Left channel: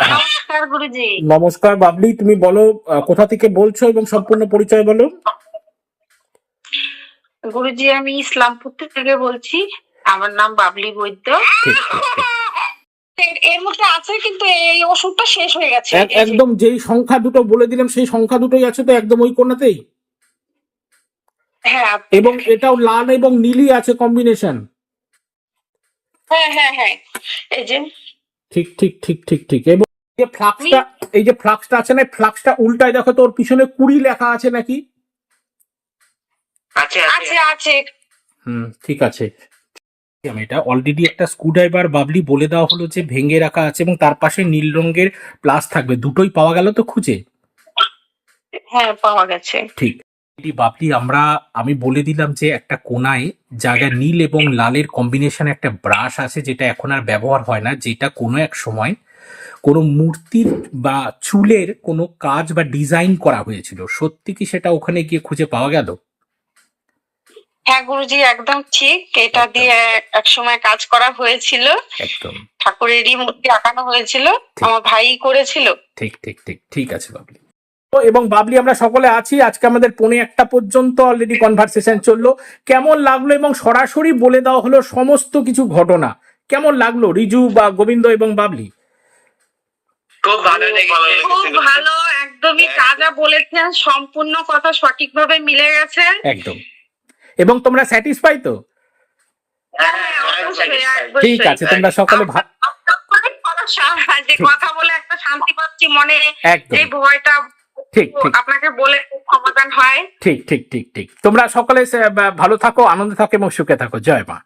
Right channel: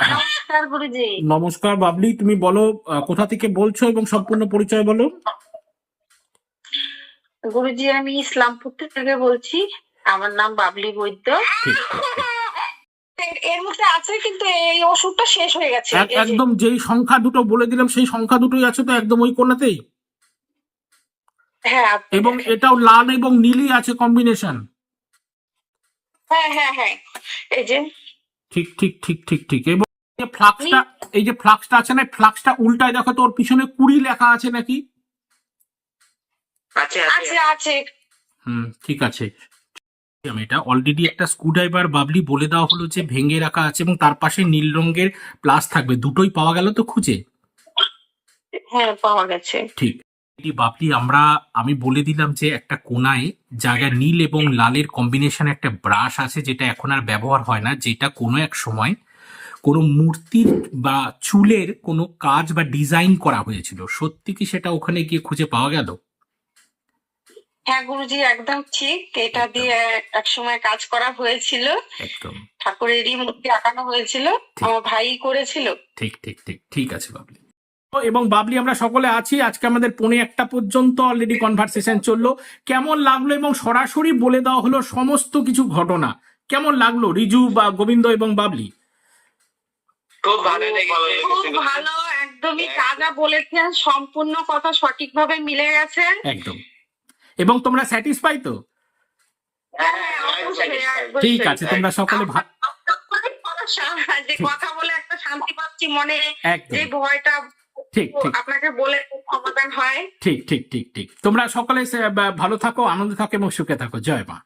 নমস্কার গুরুজি। নমস্কার বাবলি তুমি বলো কোথা থেকে বলছো এবং সম্পূর্ণ পরিচয় বলো। গুরুজি আমি ইসলামপুর থেকে বলছি। আমার নাম বাবলি বৈদ্য। এর- মধ্যে আছে কিন্তু এই ওষুধটা শেষ হয়ে গেছে। একদম যেই সংখ্যা দুটো বলে দিলাম সেই সংখ্যা দুটোই আছে তো একদম ওই কোনাতেই হ্যাঁ এবং এটাও লাল এবং নীলই আছে কম্বিনেশন হ্যাঁ হ্যাঁ হ্যাঁ। এই যে। ঠিক ঠিক ঠিক ঠিক ঠিক। এবং যে ফ্লাক্সটা এই যে ফ্লাক্সটা আছে না ফ্লাক্সটা উল্টায় দেখো তোর পিছনে কুড়ি লেখা আছে নাকি? আছে আছে। আছে হুম ঠিক আছে। আমি এটা অলরেডি একটা স্ক্রুড্রাইভার বাবলি বলে দেওয়া হলো যে ভেঙে রাখা আছে এবং তার পাশে নীল রঙের প্লাস থাকবে। দুটোই পাওয়া গেল তো খুঁজে? হ্যাঁ পাওয়া গেছে। ঠিক। এটি বাবলি আমরা আমি বলে দিলাম যে একটা কোনায় জায়গায় নীল এবং লালের কম্বিনেশন একটা ব্রাশ আছে যেটা এখন আর ব্যবহার হয় না যেটা কোনো এক সময় কোনো মূর্তির বা চুলের কোনো কাজ বা ডিজাইন করা হয়েছিল। সত্যি কি সেটা ওখানে গিয়ে খুঁজে পাওয়া গেল? হ্যাঁ গুরুজি একদম ঠিক। এটা দিয়ে এক সময় কাজ করা হয়েছিল। একদম। ঠাকুরেরই মূর্তি আঁকানো হয়েছিল। আমার ভাই করেছিল। ঠিক ঠিক ঠিক ঠিক আছে বাবলি। এবং বাবলি আমরা সকলে আছি। আজকে আমাদের পৌনে একটা পর্যন্ত অলরেডি কনভারসেশন চলল। কেমন লাগল এবং সরাসরি বলে দেওয়া হলো সমস্ত কিছু ঘটনা? কেমন লাগল? রিজু বা গোবিন্দ এবং বাবলি? খুব ভালো খুব ভালো একদমই যা যা বলেছেন সম্পূর্ণ কথা সঠিকভাবে মিলে গেছে। একদম। এবং তোমরা স্যাটিসফাই তো? হ্যাঁ। ঠিক আছে তোমরা সকলে যে কথা বলে একটা শান্তি পাচ্ছি মনে যে ভয়টা ঠিক ঠিক। আপনাকে বলে সমাধান হয়। ঠিক ঠিক ঠিক ঠিক। তোমরা সকলে ভালো থাকো আনন্দে থাকো এবং সুখে থাকো। জয় মা।